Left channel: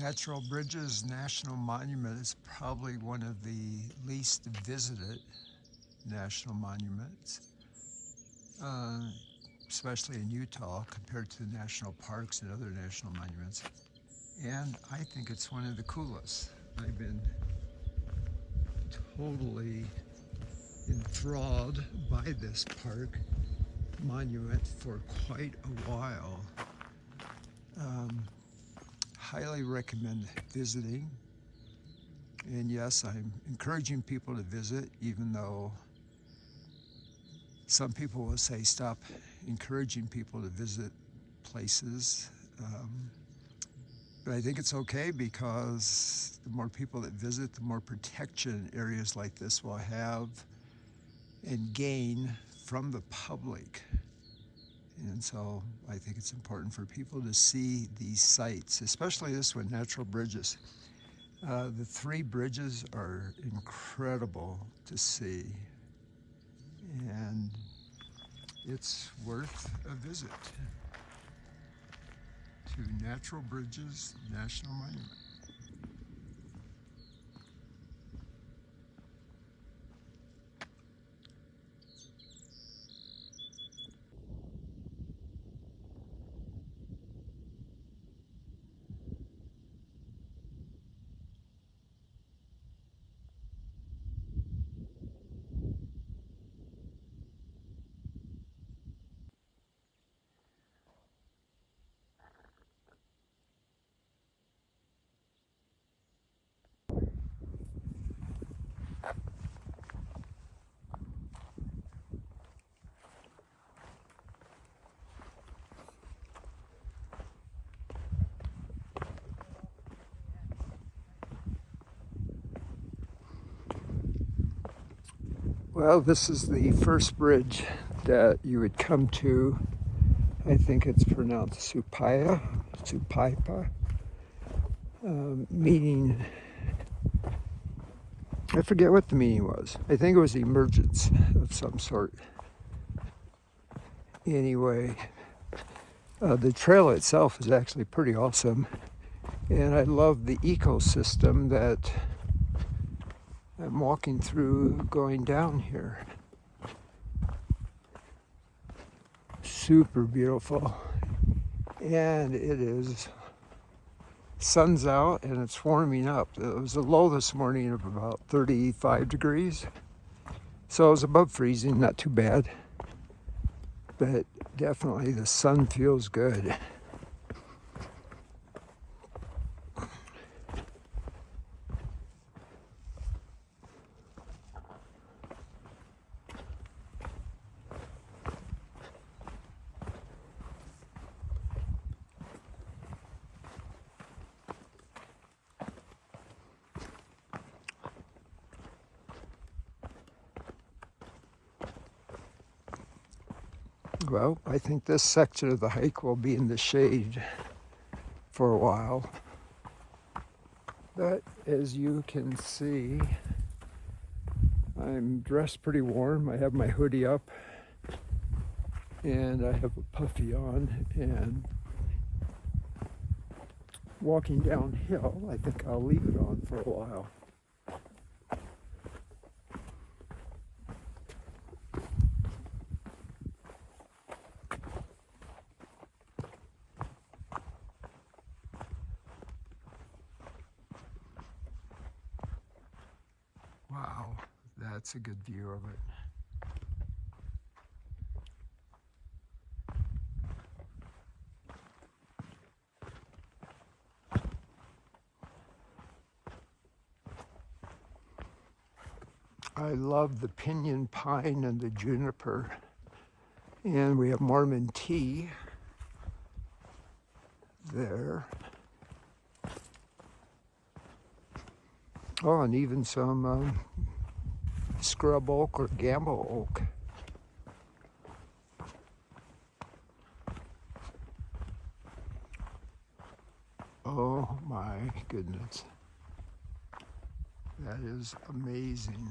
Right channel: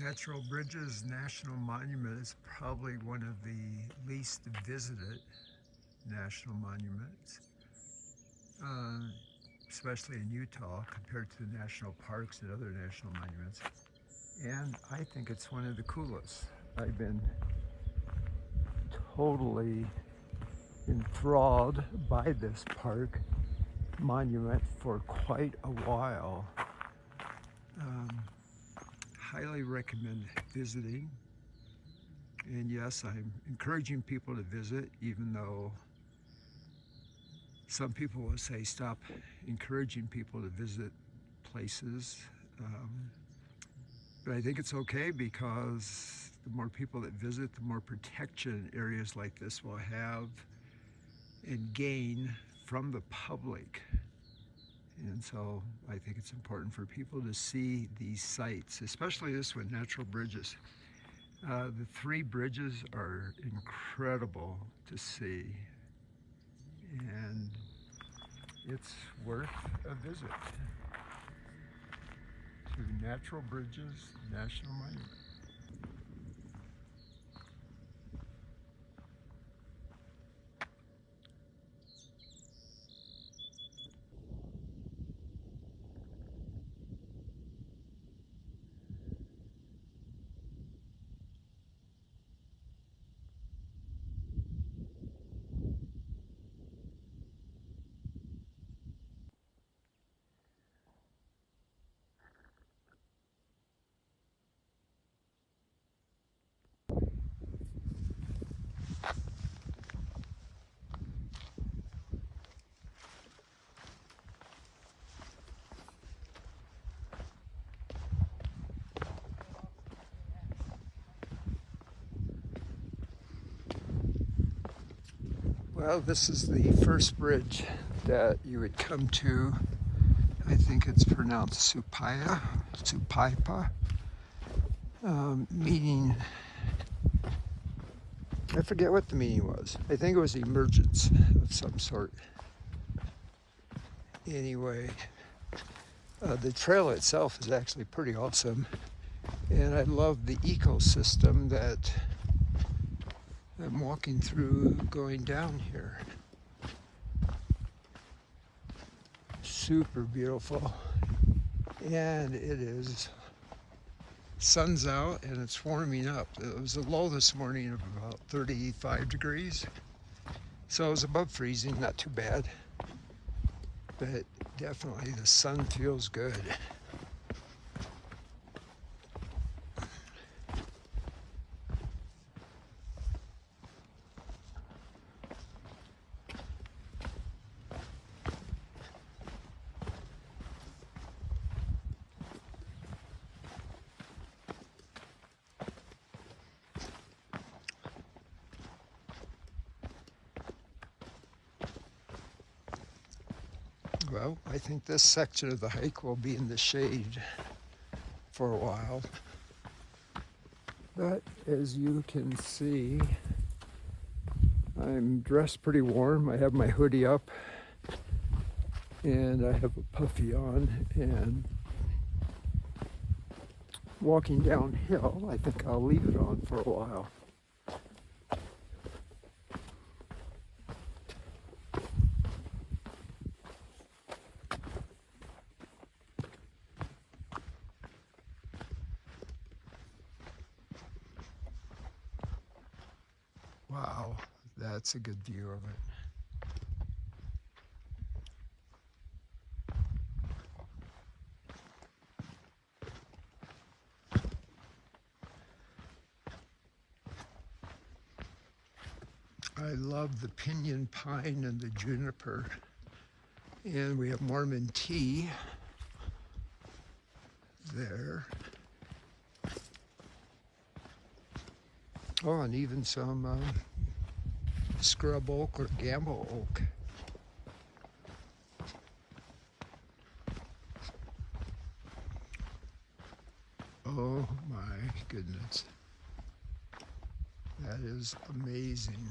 Natural Bridges National Monument is probably one of the least visited national monuments, uh, especially in Utah compared to the national parks and other national monuments. And I think it's one of the coolest. I've been totally enthralled by this park monument for quite a while. Um, Highly recommend visiting. And yes, I'm encouraging people to visit, even though some people will say stop encouraging people to visit places. But I think it's okay because the more people that visit, the more protection areas like this will have and gain from the public. And so I think it's important for people to see these sites, especially this one, Natural Bridges. The three bridges are incredible to see, and it's worth a visit to Natural Bridges National Monument. Well, this is the first bridge that you would come to. I think it's pronounced Supaipa, meaning, I forget what the meaning was. I think it was emergence of some sort. Anyway, the trail itself is actually pretty awesome. And I love the ecosystem that I'm walking through going down here. Super beautiful. And it is, sun's out and it's warming up. It was a low this morning of about 35 degrees. So it was above freezing, not too bad. But definitely the sun feels good. Well, I think this section of the hike will be in the shade for a while. But as you can see, I'm dressed pretty warm. I have my hoodie up and I have a puffy on, and walking downhill, I think I'll leave it on for a while. Wow, that's a good view of it. I love the pinyon pine and the juniper. And we have Mormon tea there. Oh, and even some scrub oak or gambo oak. Oh my goodness. That is amazing.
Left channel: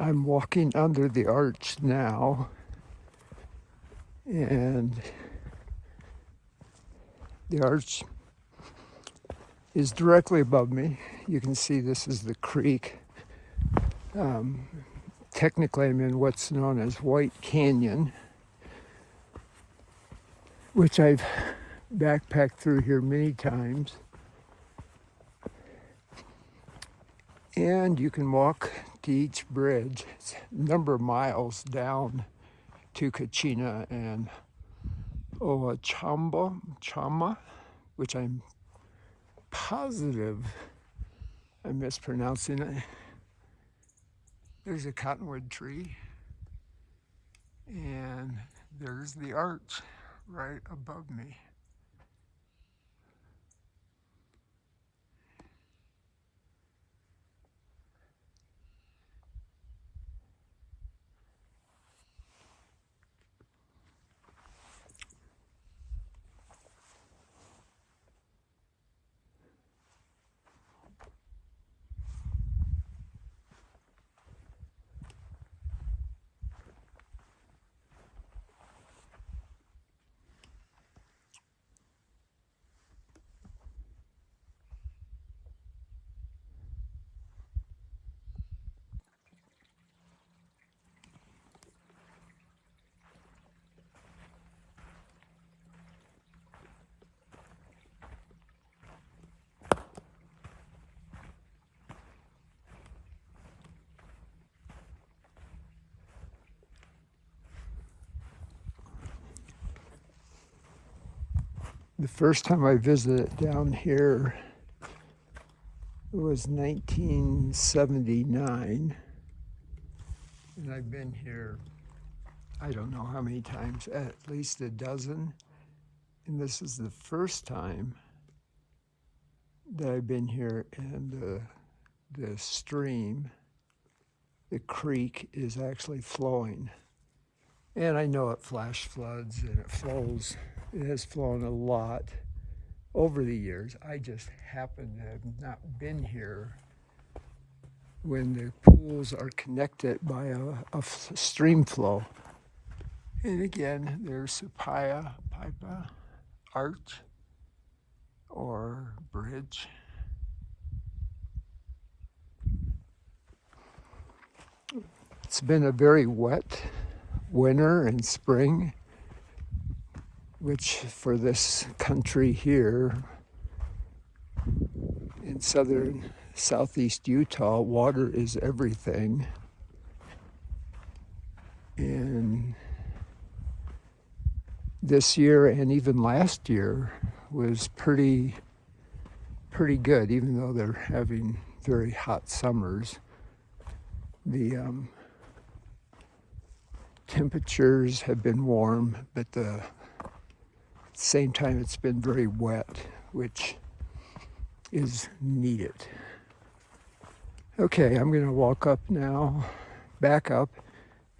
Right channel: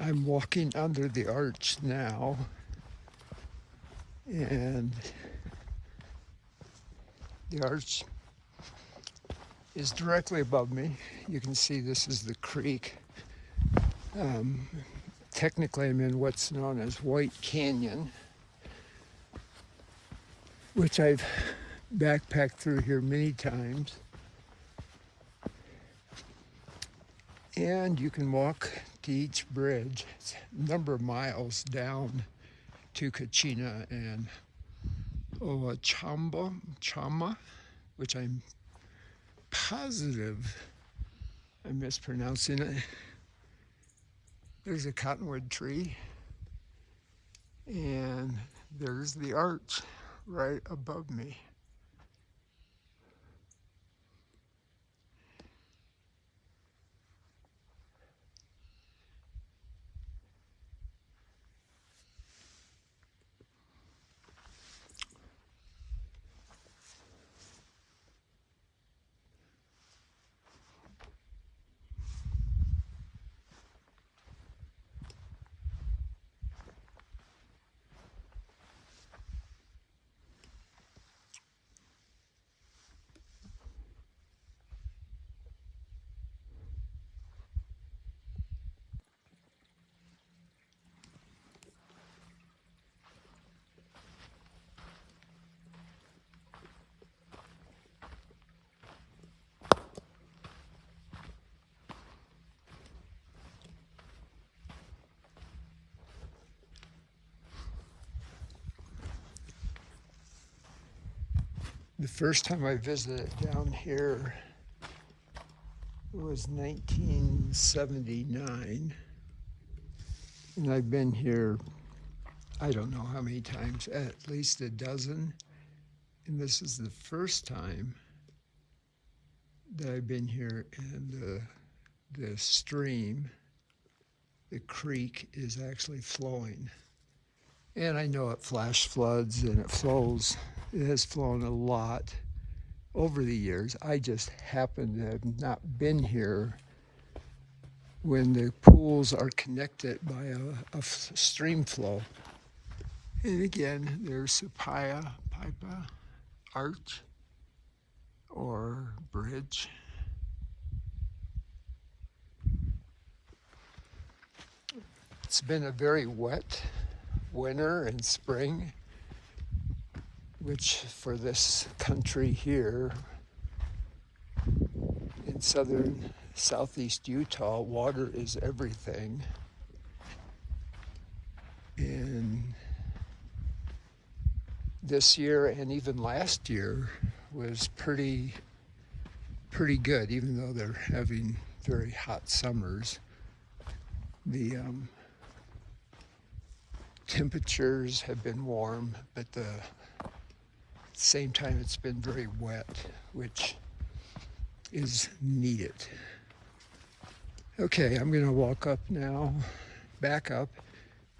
I'm walking under the arch now, and the arch is directly above me. You can see this is the creek. Technically, I'm in what's known as White Canyon, which I've backpacked through here many times. And you can walk to each bridge. It's a number of miles down to Kachina and Chama, which I'm positive I'm mispronouncing it. There's a cottonwood tree, and there's the arch right above me. The first time I visited down here was 1979, and I've been here, I don't know how many times, at least a dozen, and this is the first time that I've been here, and the stream, the creek, is actually flowing. And I know it flash floods and it flows. It has flown a lot over the years. I just happen to have not been here when the pools are connected by a stream flow. And again, there's Supaya Pipa Arch or bridge. It's been a very wet winter and spring, which for this country here in southern southeast Utah, water is everything. And this year and even last year was pretty good, even though they're having very hot summers. The temperatures have been warm, but at the same time it's been very wet, which is needed. Okay, I'm going to walk up now, back up,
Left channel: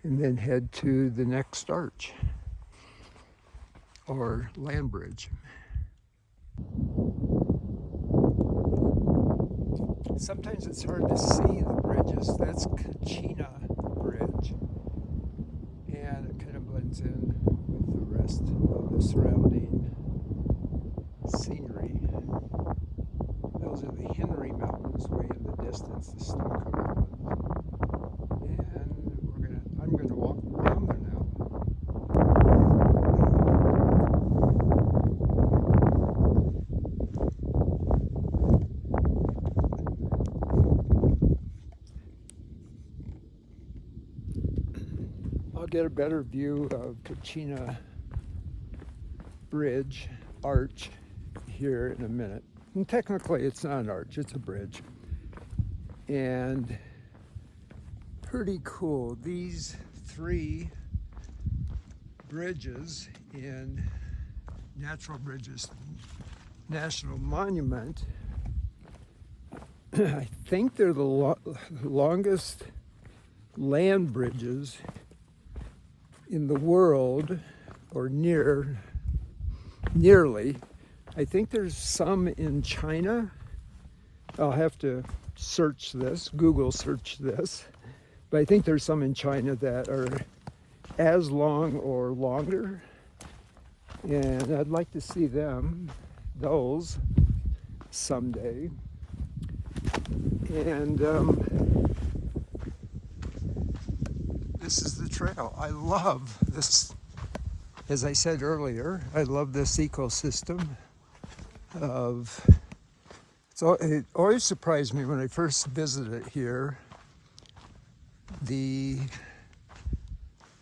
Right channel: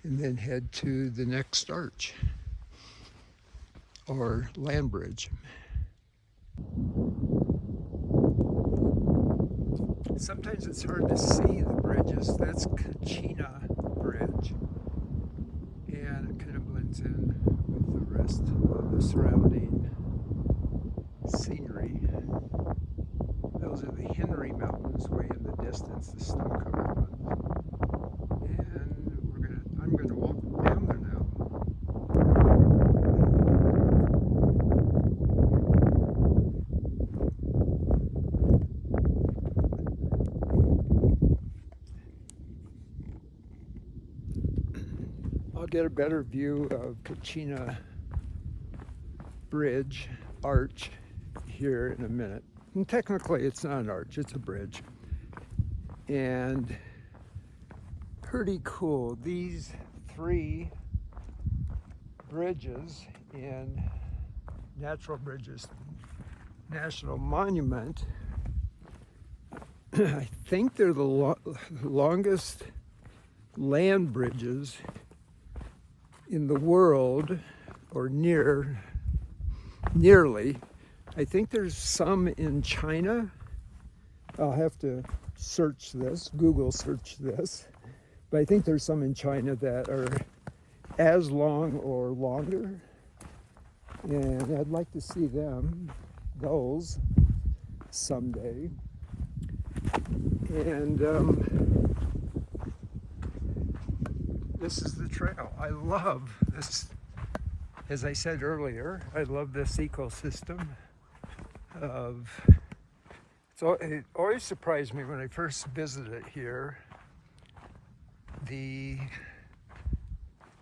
and then head to the next arch, or land bridge. Sometimes it's hard to see the bridges. That's Kachina Bridge, and it kind of blends in with the rest of the surrounding scenery. Those are the Henry Mountains way in the distance, the snow-covered ones. And I'm gonna walk down there now. I'll get a better view of Kachina Bridge, arch, here in a minute. And technically it's not an arch, it's a bridge. And pretty cool. These three bridges in Natural Bridges National Monument, I think they're the longest land bridges in the world, or nearly. I think there's some in China. I'll have to search this, Google search this, But I think there's some in China that are as long or longer. And I'd like to see those someday. And this is the trail. I love this, as I said earlier, I love this ecosystem of, so it always surprised me when I first visited here, the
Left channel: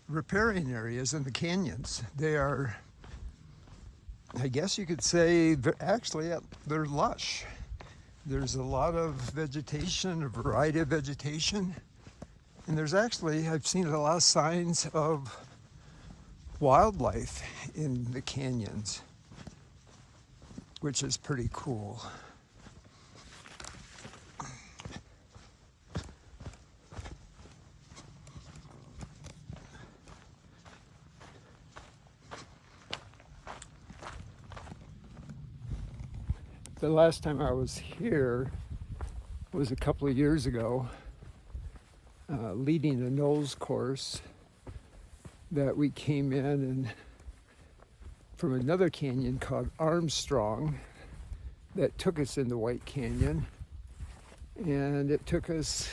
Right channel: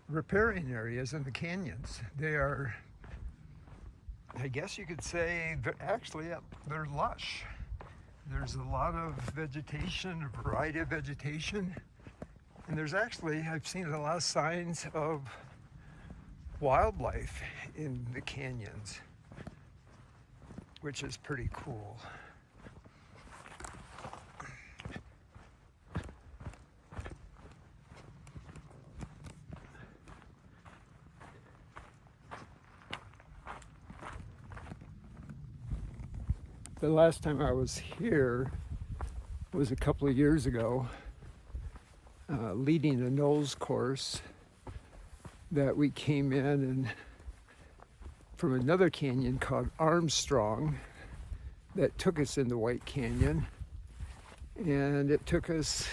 riparian areas in the canyons. They are, I guess you could say, actually they're lush. There's a lot of vegetation, a variety of vegetation. And there's actually, I've seen a lot of signs of wildlife in the canyons, which is pretty cool. The last time I was here was a couple of years ago, leading a nose course that we came in and from another canyon called Armstrong that took us into White Canyon. And it took us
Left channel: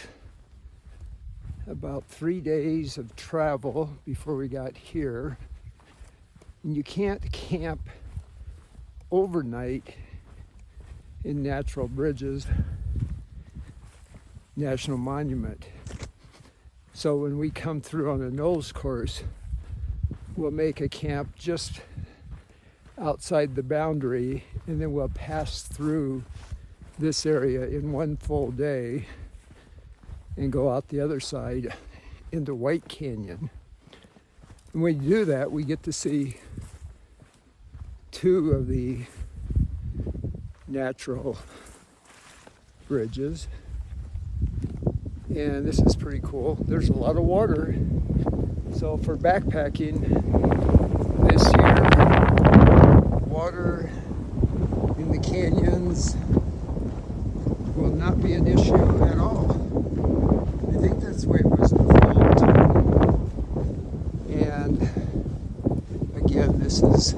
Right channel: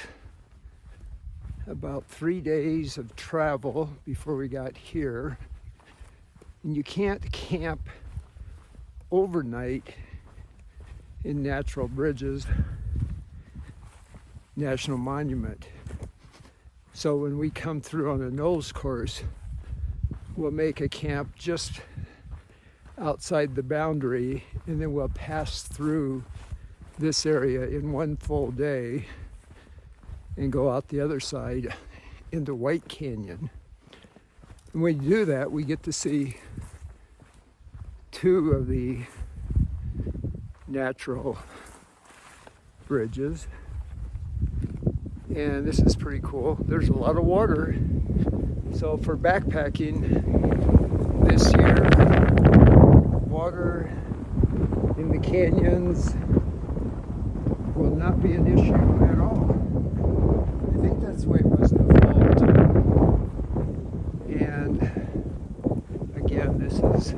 about 3 days of travel before we got here. And you can't camp overnight in Natural Bridges National Monument. So when we come through on a nose course, we'll make a camp just outside the boundary, and then we'll pass through this area in one full day and go out the other side into White Canyon. And when we do that, we get to see two of the natural bridges, and this is pretty cool. There's a lot of water, so for backpacking this year, water in the canyons will not be an issue at all. I think that's the way it was in the fall too. And again, this is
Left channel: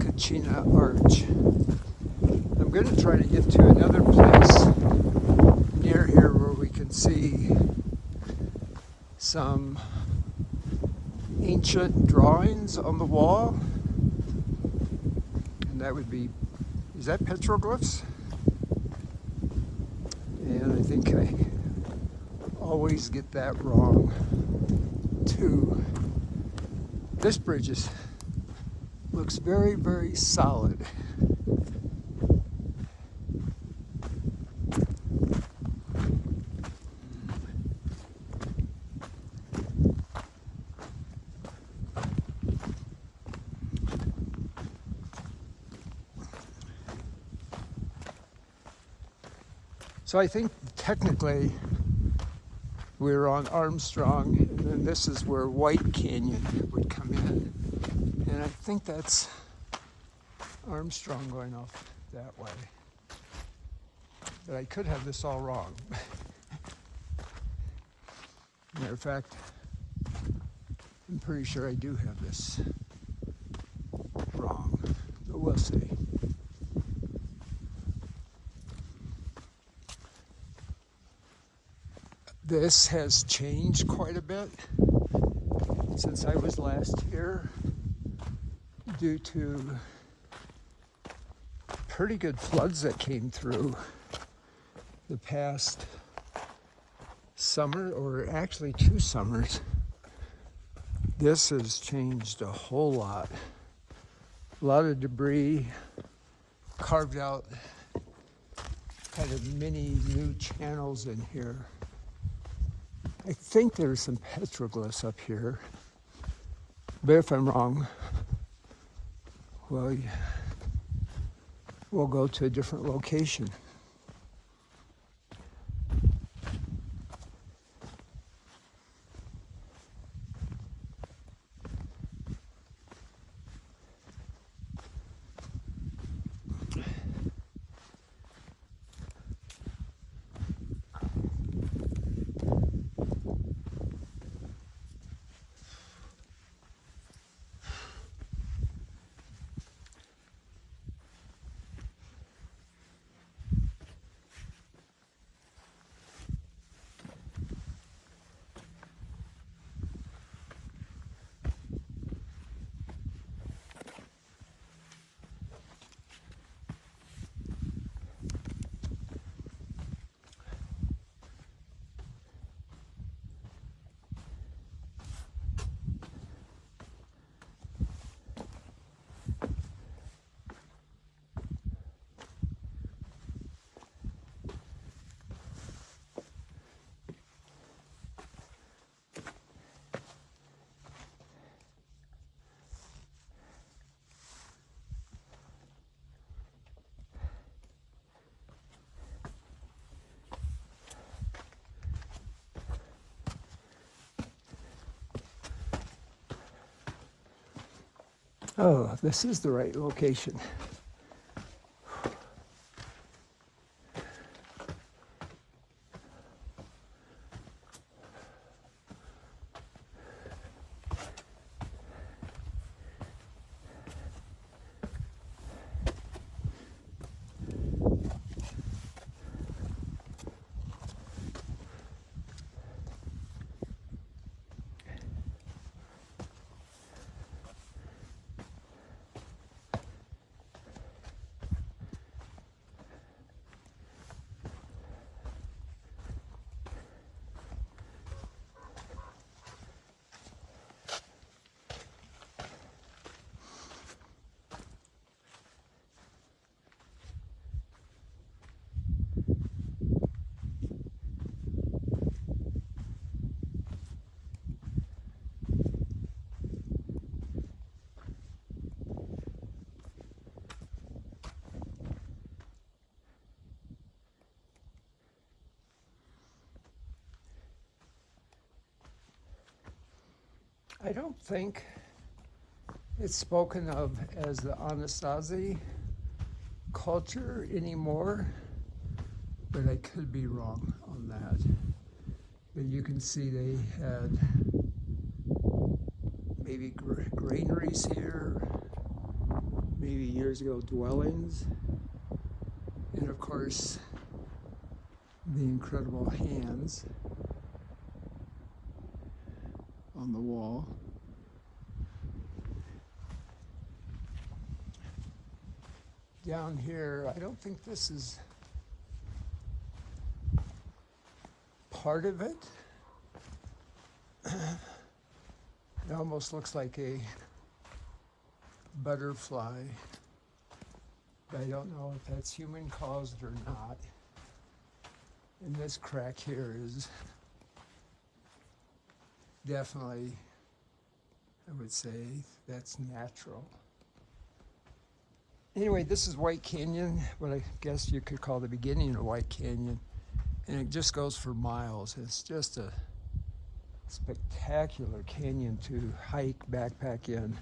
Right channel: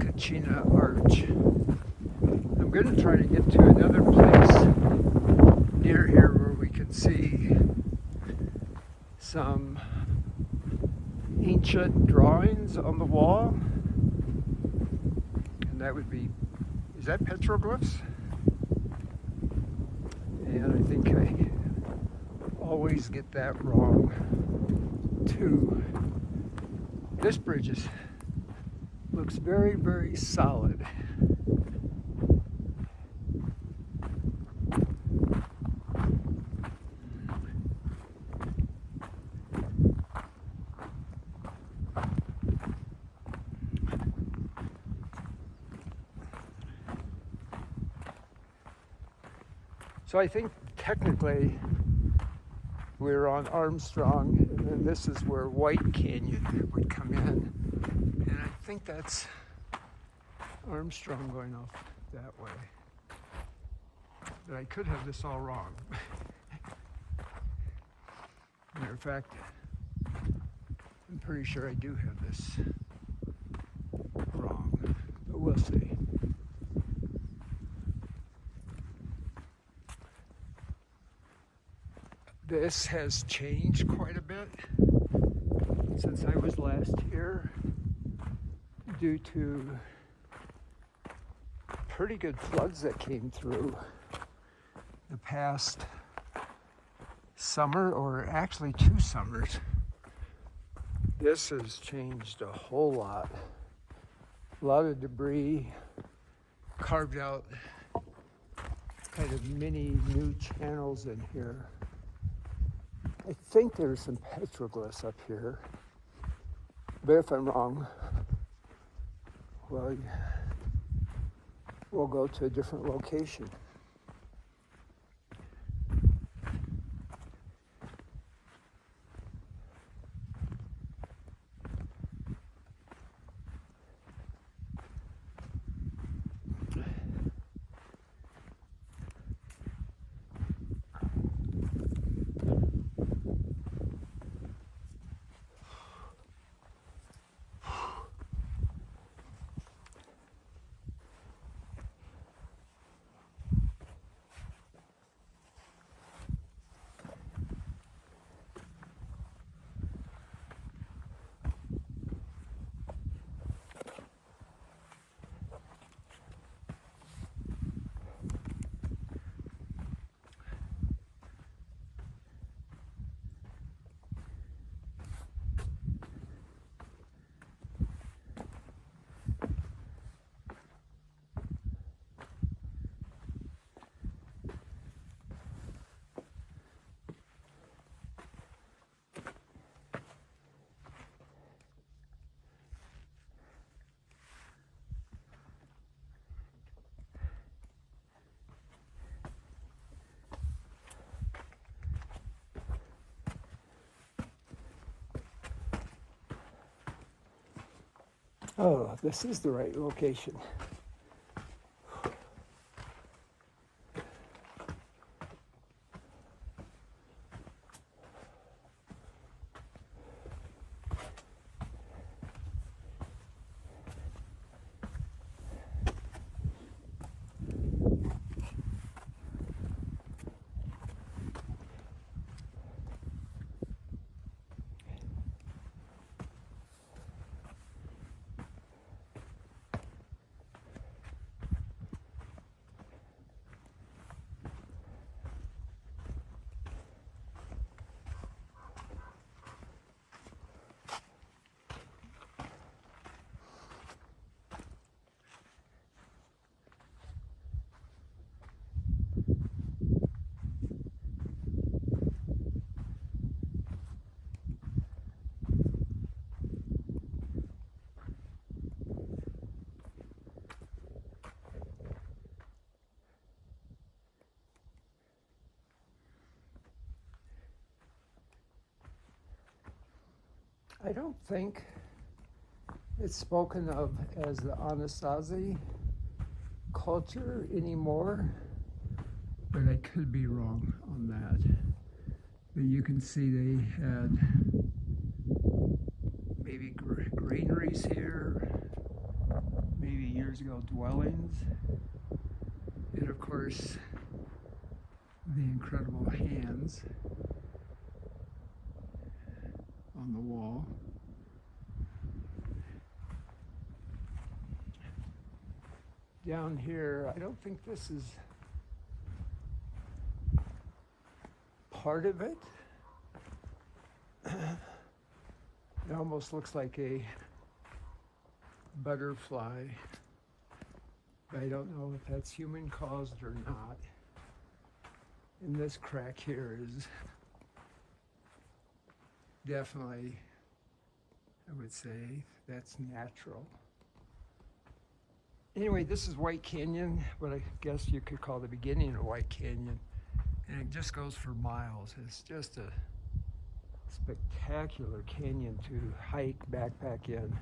Kachina Arch. I'm going to try to get to another place near here where we can see some ancient drawings on the wall. And that would be, is that petroglyphs? And I think I always get that wrong too. This bridge looks very, very solid. So I think technically we're on Armstrong, and this is where White Canyon would come in. And I think that's Armstrong going off that way. But I could have this all wrong. Matter of fact, I'm pretty sure I do have this wrong, but we'll see. This has changed quite a bit since I was last here due to pretty good floods that came through the past summer, or actually 2 summers. This has changed a whole lot. A lot of debris, carved out kind of mini new channels in here. I think there's some petroglyphs up here, but if I'm wrong, we'll go to a different location. Oh, this is the right location. I don't think it's spoken of as the Anasazi culture anymore, but I could be wrong on that. But you can see they had maybe granaries here, maybe years ago dwellings, and of course the incredible hands on the wall. Down here, I don't think this is part of it. It almost looks like a butterfly. I don't know if that's human caused or not. And this crack here is definitely, I would say, that's natural. Anyway, this is White Canyon, what I guess you could call the beginning of White Canyon. And it just goes for miles. It's just a spectacular canyon to hike, backpack in.